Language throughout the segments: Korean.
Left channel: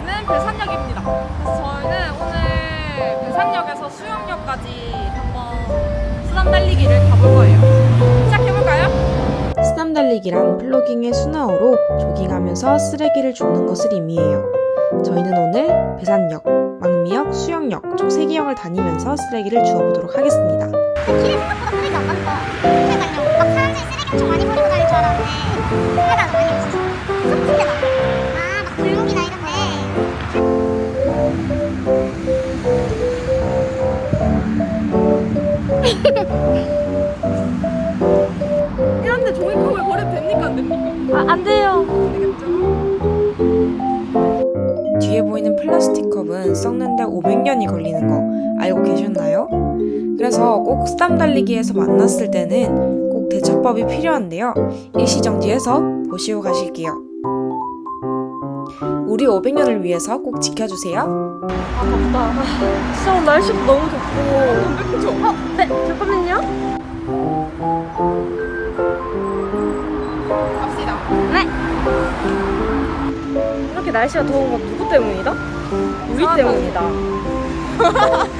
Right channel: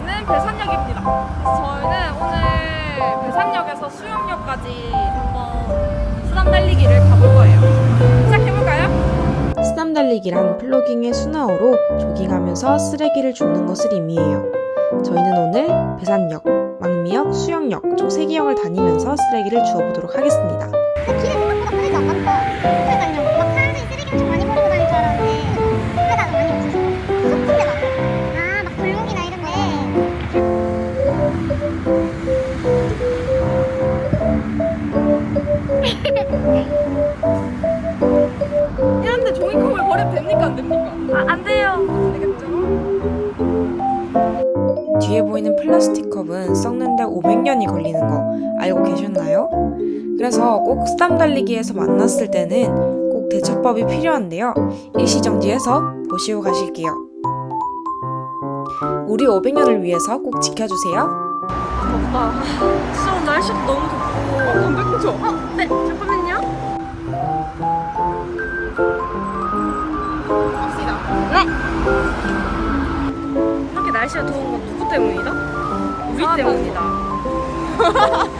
여기는 배산역입니다. 그래서 저희는 오늘 배산역에서 수영역까지 한번 수담 달리기를 가볼 거예요. 시작해볼까요? 수담 달리기란 플로깅의 순화어로 조깅하면서 쓰레기를 줍는 것을 의미해요. 저희는 오늘 배산역, 망미역, 수영역 총 3개역을 다니면서 쓰레기를 주워보도록 하겠습니다. 아, 안 돼요. 뒤에 보이는 플라스틱 컵은 썩는데 500년이 걸리는 거 알고 계셨나요? 그래서 꼭 수담 달리기에서 만났을 때는 꼭 대처법이 필요한데요. 일시정지해서 보시고 가실게요. 우리 500년을 위해서 꼭 지켜주세요. 아, 덥다. 진짜 오늘 날씨도 너무 덥고. 그죠? 어, 네, 잠깐만 이렇게 날씨가 더운 건 누구 때문이다? 우리 때문이다.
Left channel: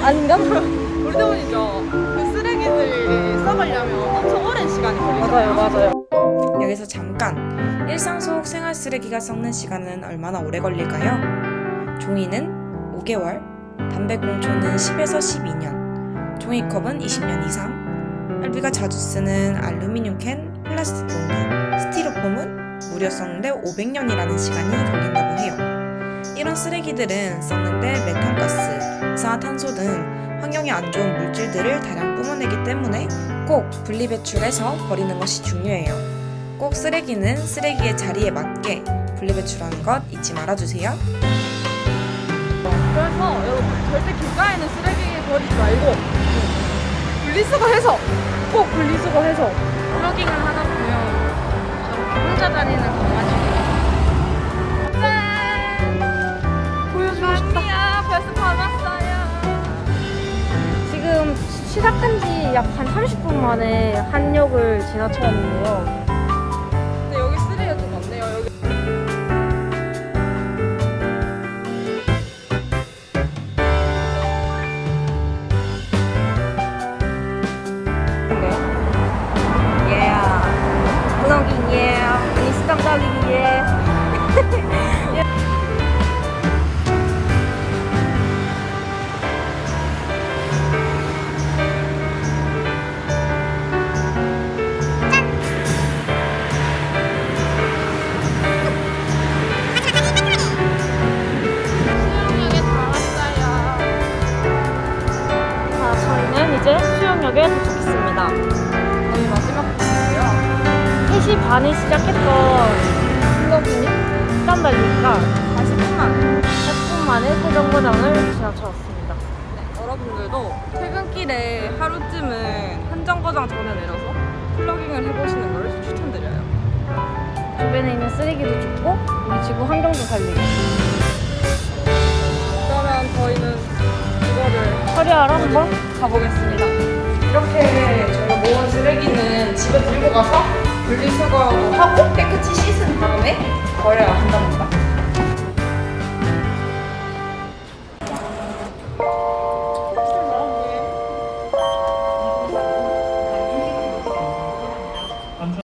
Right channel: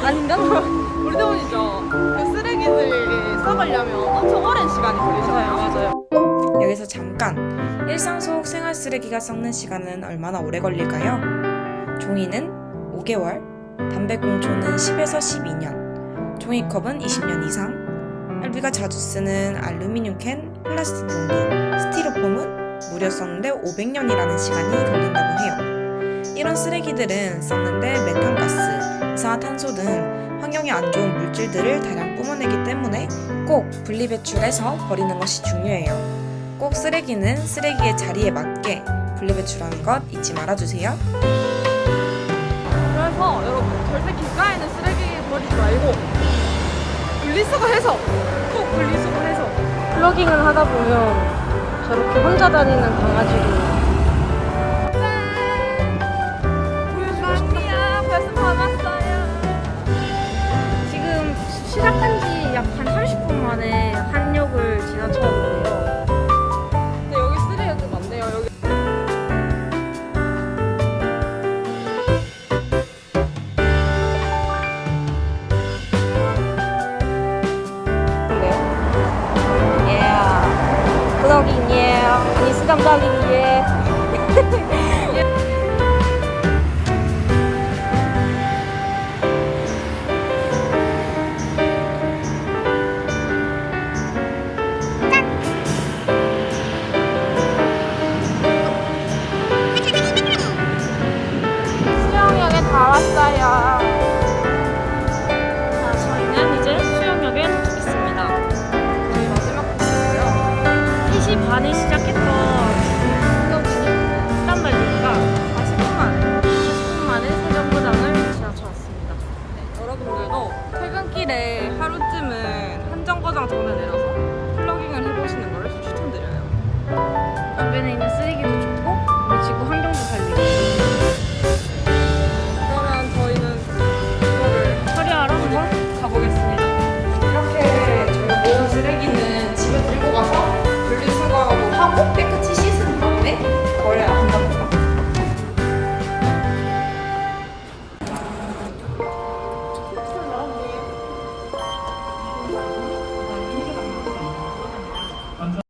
아닌가? 우리 때문이죠. 그 쓰레기를 썩으려면 엄청 오랜 시간이 걸리잖아요. 맞아요, 맞아요. 여기서 잠깐 일상 속 생활 쓰레기가 썩는 시간은 얼마나 오래 걸릴까요? 종이는 5개월, 담배꽁초는 10에서 12년, 종이컵은 20년 이상, 알비가 자주 쓰는 알루미늄 캔, 플라스틱 용기, 스티로폼은 무려 썩는데 500년이라는 시간이 걸린다고 해요. 이런 쓰레기들은 썩는데 메탄가스, 이산화탄소 등 환경에 안 좋은 물질들을 다량 뿜어내기 때문에 꼭 분리배출해서 버리는 것이 중요해요. 꼭 쓰레기는 쓰레기의 자리에 맞게 분리배출하는 것 잊지 말아주세요. 그래서 여러분 절대 길가에는 쓰레기 버리지 말고 분리수거해서 꼭 분리수거해서 플러깅을 하다 보면 저렇게 혼자 다니는 강아지를 보여주고 싶다. 벌써 다 왔어요. 지금 시작한 지 약 한 30분 만에 한 역을 지나쳤는데요. 플러깅이 3시 반에 시작했던 플러깅이 수담 달리기가 40분 만에 40분 만에 세정거장을 지나쳐왔습니다. 네, 여러분들도 퇴근길에 하루쯤은 한 정거장 전에 내려서 플러깅을 해보시는 걸 추천드려요. 주변에 있는 쓰레기도 줍고 우리 지구 환경도 살리고 그러면 저희는 이거를 처리하러 한번 가보겠습니다. 이렇게 저희가 모은 쓰레기는 집에 들고 가서 분리수거하고 하고 깨끗이 씻은 다음에 버려야 한답니다.